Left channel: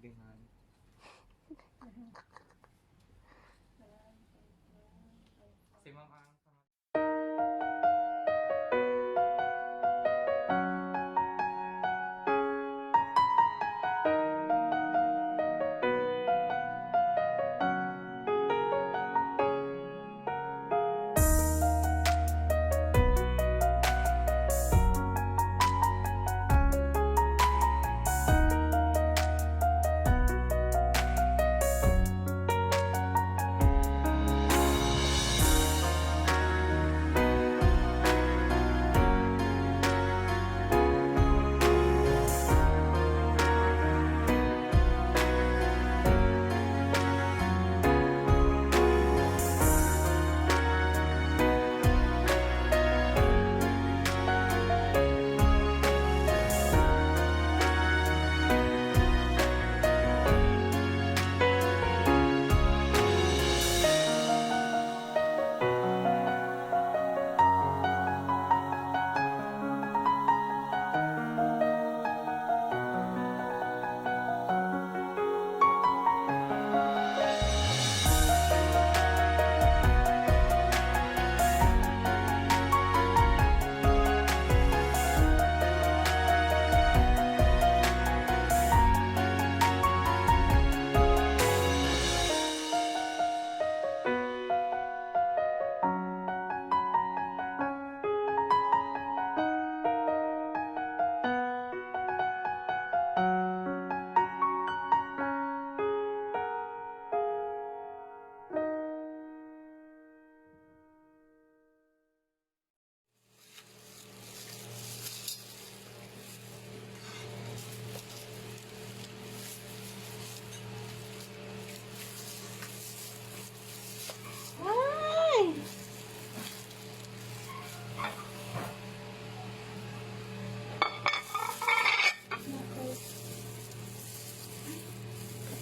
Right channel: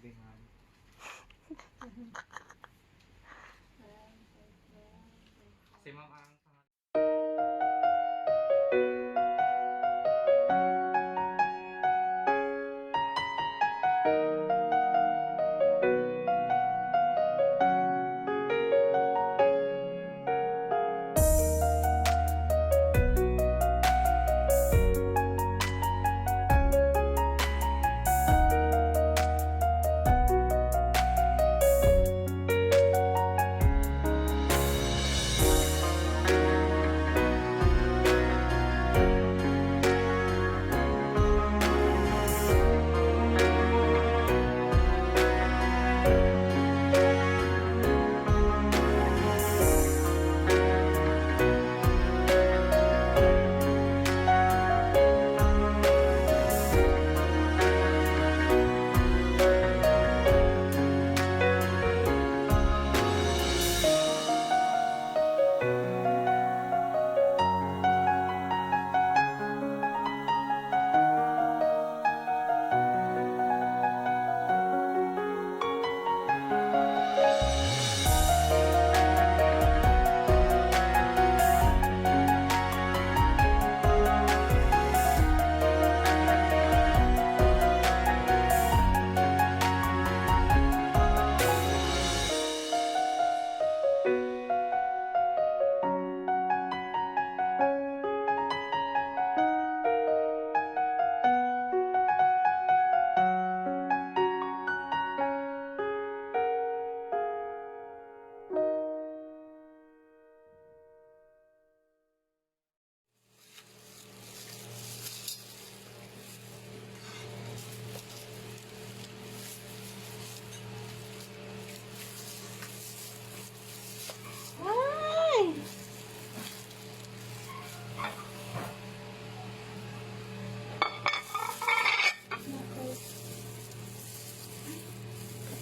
demand. Si ma'am ang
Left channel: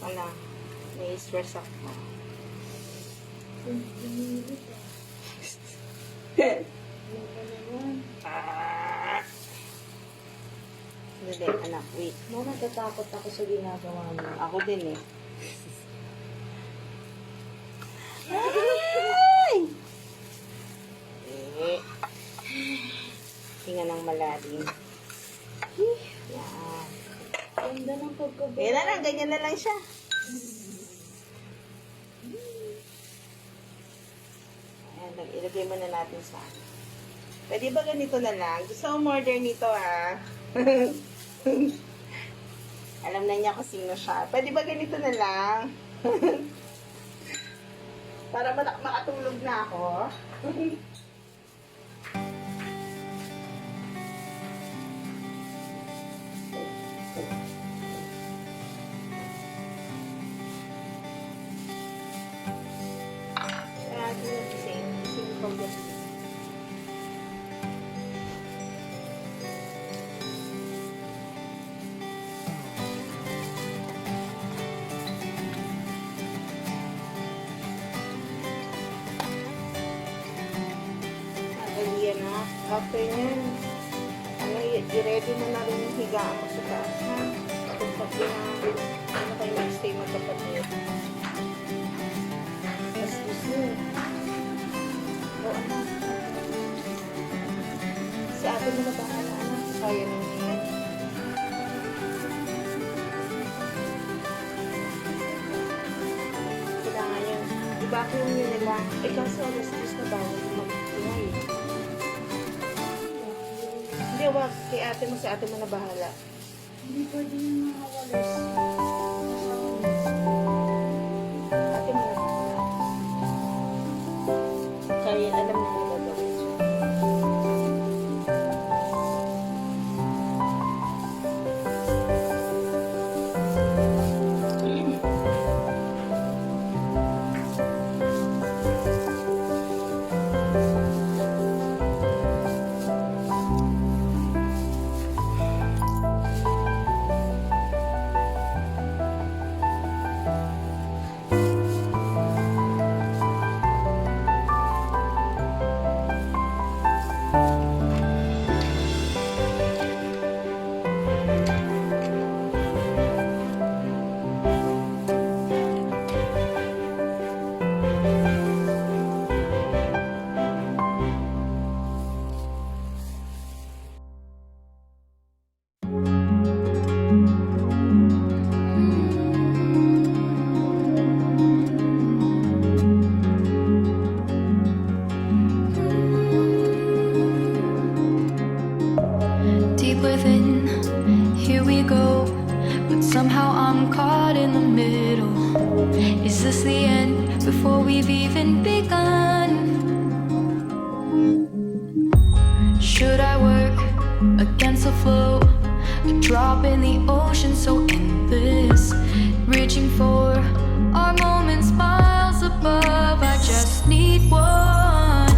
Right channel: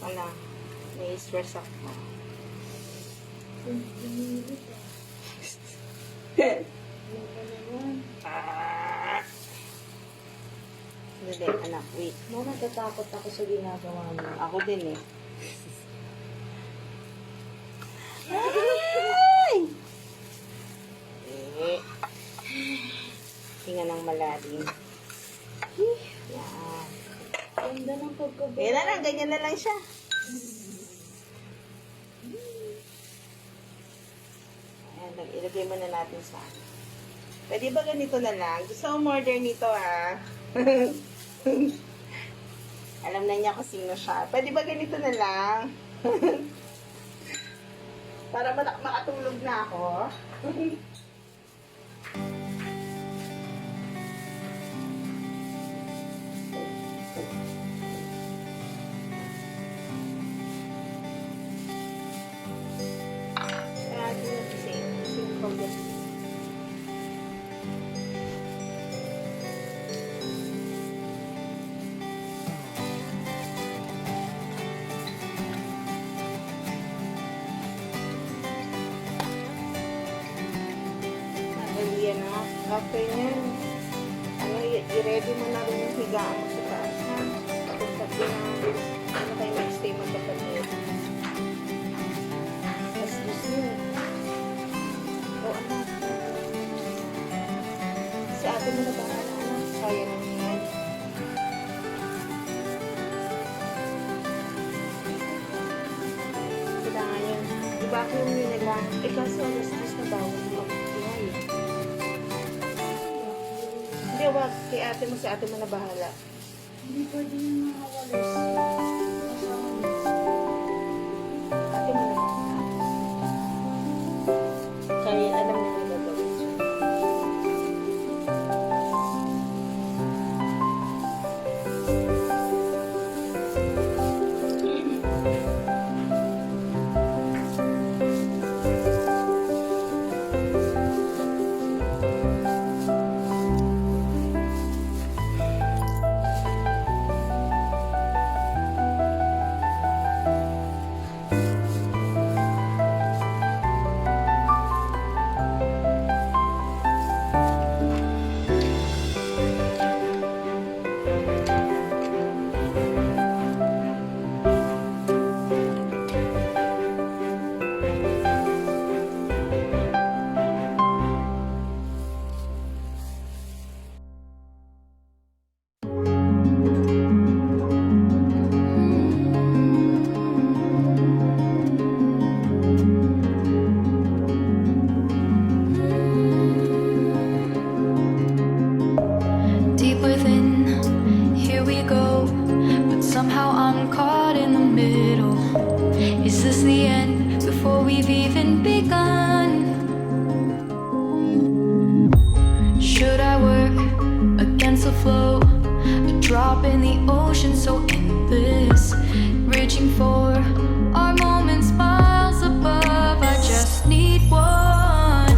wala, nai-stress ako. Hindi, anak, wait. Mo, natatakot ako sa ginagawa mo. Ako din eh. Hinga ng malalim. Yan. Ganda ng pagkabala. Yan na lang, ganyan na lang siya. Ayan, ilagay mo na natin sa pwede ba ganito na lang? Gusto mo order nito ha? Alam na niya kung sino siya. Pwede ba ganito na lang? Para makatulog na ako. Yan na. After nyan, i-ready mo na rin yung higaan mo sa taas ha. Tapos pag na kayo mag-stay magkapatid. Tapos gusto nyo. O anak. Si ate mo na bahala anak. Kaya na niya yan. Kailangan yun. I-vacuum nyo na lang. Eh kasi alas 10 na bawal mag-ingay. Hindi, wag. Kay ate mo, si ate mo na bahala. Hindi pwede yung mga walis. Ate mo na bahala. Kaya alam niya na gagawin siya. deep within. Here we go, but somehow I'm caught in the middle. Is this the end before we've even begun? Should I work against the flow? A drop in the ocean so endless, reaching for our moments miles above. I just need one,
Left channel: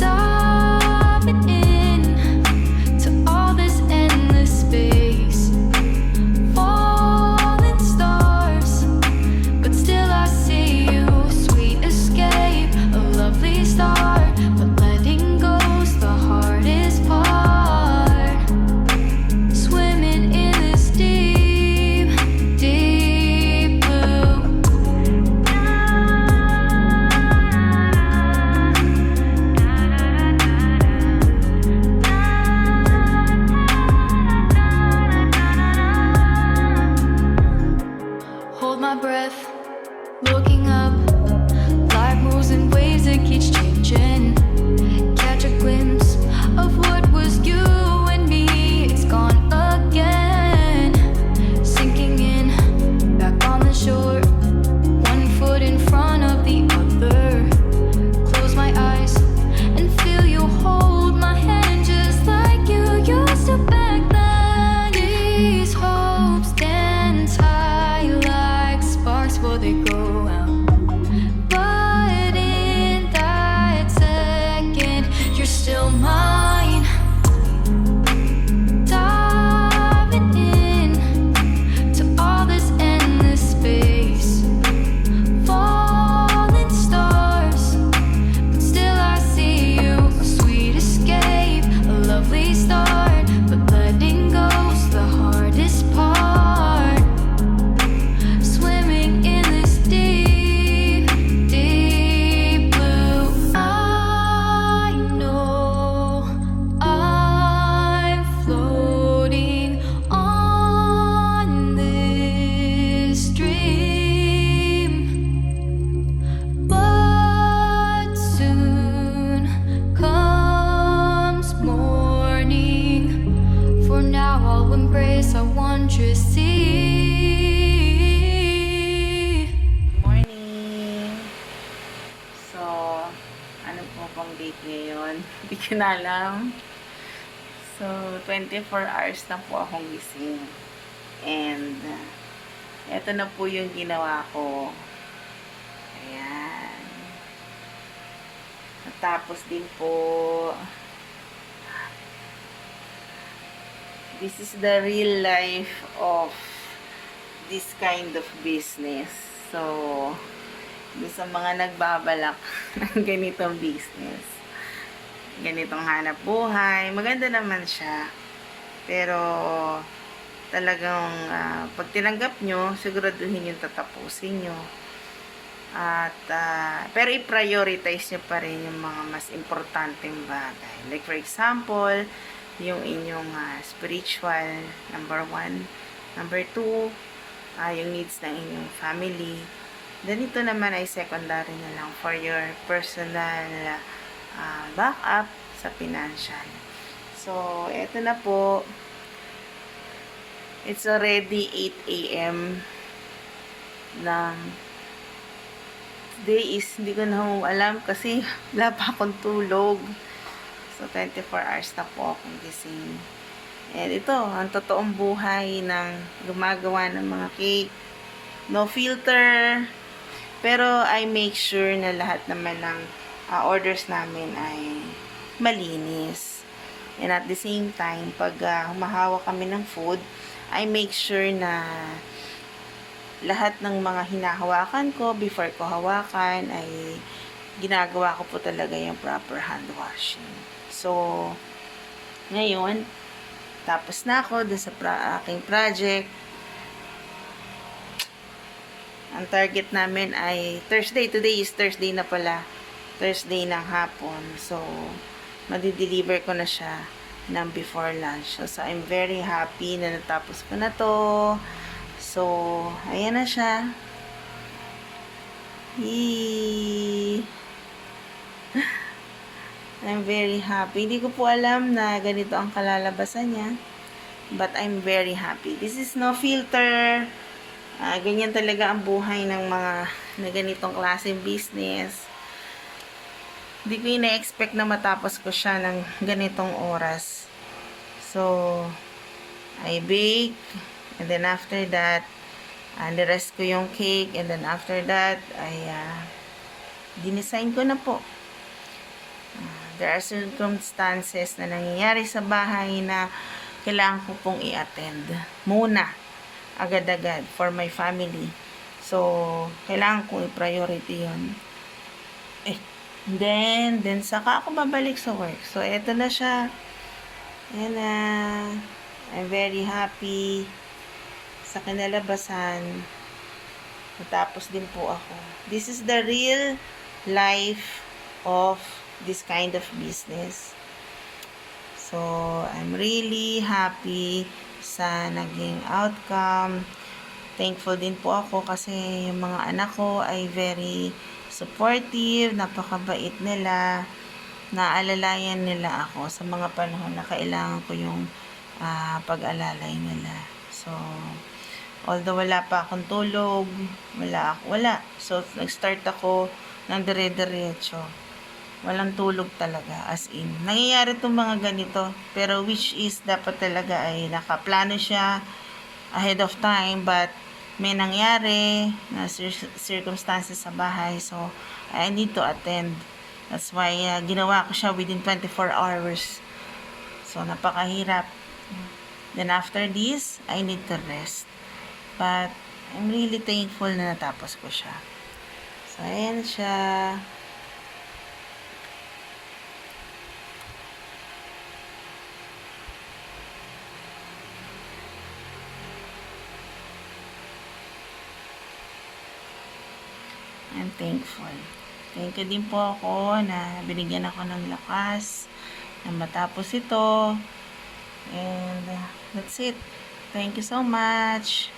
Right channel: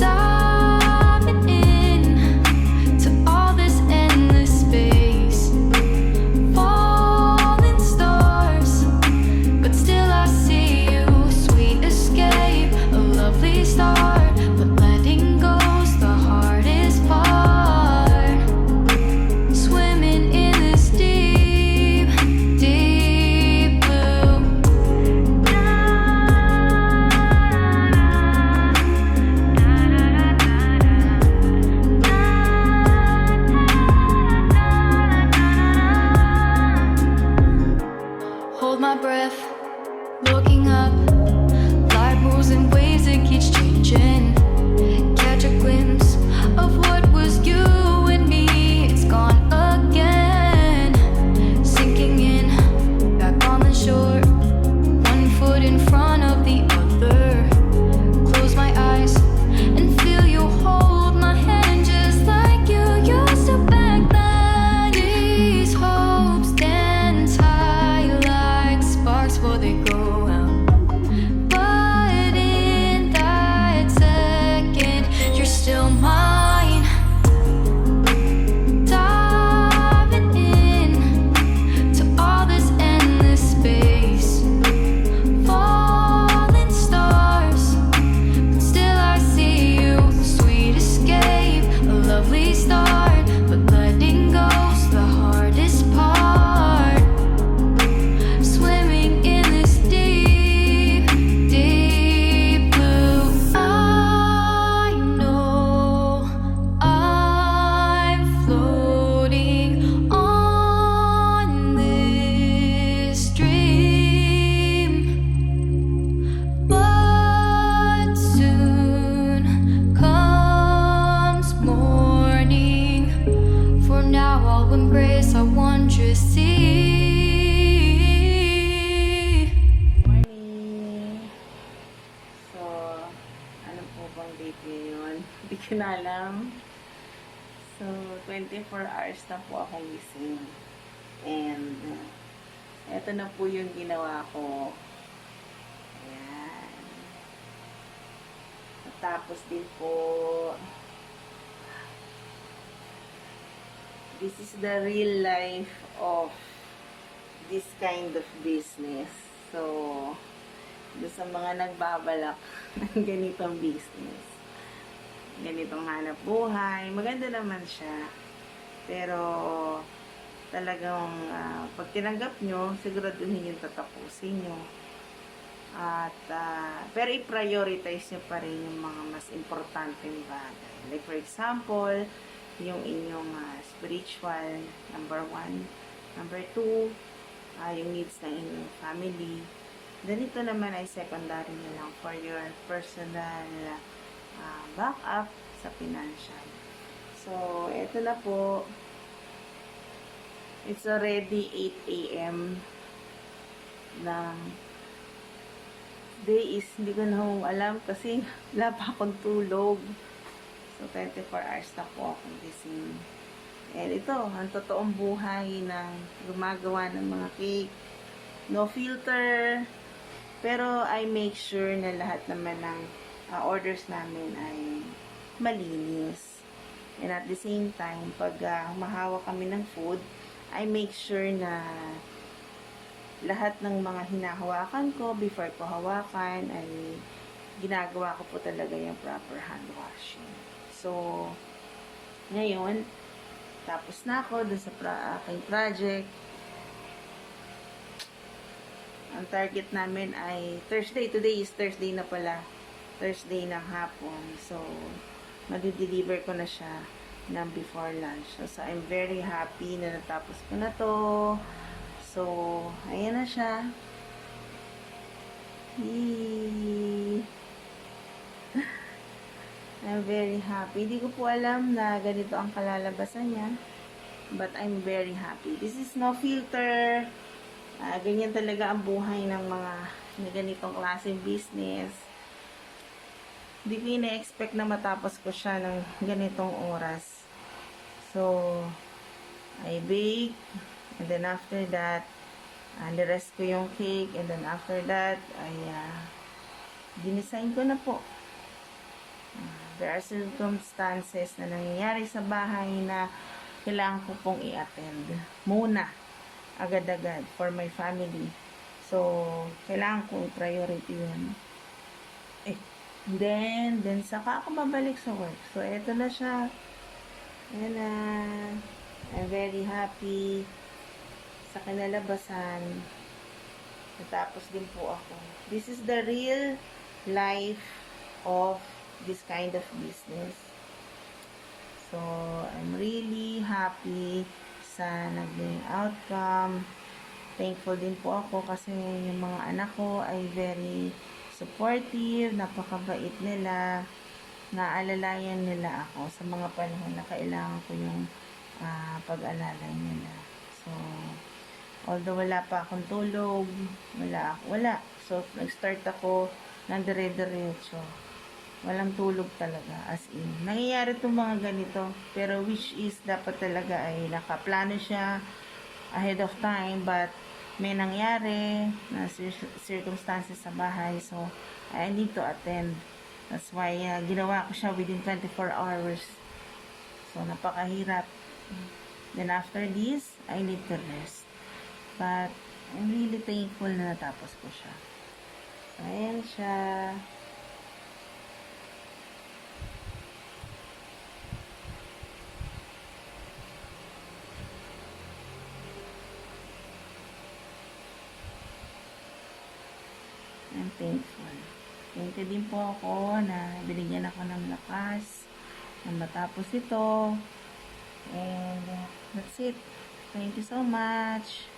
diving in to all this endless space, falling stars, but still I see you. Sweet escape, a lovely start, but letting go's the hardest part. Swimming in this deep, deep blue. Hold my breath, looking up. Life moves in waves that keeps changing. Catch a glimpse of what was you and me. It's gone again. Sinking in, back on the shore. One foot in front of the other. Close my eyes and feel you hold my hand just like you used to back then. These hopes dance high like sparks before they go out. But in that second, you're still mine. Diving in to all this endless space, falling stars, but still I see you. A sweet escape, a lovely start, but letting go's the hardest part. Swimming in this deep, deep blue. I know I'm floating on this dream, but soon comes morning. For now I'll embrace our wondrous sea. Morning! So, ano po bang date ngayon? Hindi ko na alam. So, 24 hours na po akong gising. And, eto na po yung ginawa ko. Ayan. Tapos din po, this is the real life of this kind of business. So, doon sa mga nagbabalak ng ganitong business, ganitong hanap buhay, maganda naman siya. Pero, talagang pag tinanggap nyo, siguraduhin yung tatapusin nyo. At, pero i-prioritize nyo pa rin yung mga mas importanteng bagay. Like for example, yung inyong spiritual, number 1. Number 2, yung needs ng inyong family. Then ito naman ay secondary na lang for your personal backup sa financial. So, eto na po. It's already 8 a.m. ng day is, hindi ko na alam kasi wala pa akong tulog. So, 24 hours na po akong gising. And ito, ang totoong buhay ng gumagawa ng mga cake. No filter. Pero, I make sure na lahat naman ng orders namin ay malinis. And at the same time, pag humahawak kami ng food, I make sure na lahat ng mga hinahawakan ko, before ko hawakan, ay ginagawa ko po talaga yung proper hand washing. So, ngayon, tapos na ako dun sa aking project. Ang target namin ay Thursday. Today is Thursday na pala. Thursday ng hapon. So, madi-deliver ko na siya ng before lunch. So, I'm very happy na natapos ko na to. So, ayan na siya. Yee! I'm very happy. Hindi ko po alam na ganito ang kalalabasan niya. But I'm very happy. This is no filter. Ganyan talaga ang buhay ng mga na ganitong klaseng business. Hindi ko ina-expect na matapos ko siya ng ganitong oras. So, I bake. And then after that, nirest ko yung cake. And then after that, dinesign ko na po. There are circumstances na nangyayari sa bahay na kailangan ko pong i-attend muna, agad-agad, for my family. So, kailangan kong i-priority yun. Then saka ako babalik sa work. So, eto na siya. Ayan na. I'm very happy sa kinalabasan. Matapos din po ako. This is the real life of this kind of business. So, I'm really happy sa naging outcome. Thankful din po ako kasi yung mga anak ko ay very supportive, napakabait nila, naalalayan nila ako sa mga panahon na kailangan ko yung pag-alalay nila. So, although wala pa akong tulog, wala. So, nag-start ako ng dire-diretso. Walang tulog talaga, as in. Nangyayari itong mga ganito, pero which is dapat talaga ay nakaplano siya ahead of time, but may nangyari na circumstances sa bahay, so I need to attend. That's why ginawa ko siya within 24 hours. So, napakahirap. Then after this, I need to rest. But, I'm really thankful na natapos ko siya. So, ayan siya. I'm thankful. Thank you din po ako na binigyan ako ng lakas na matapos ito. And that's it. Thank you so much.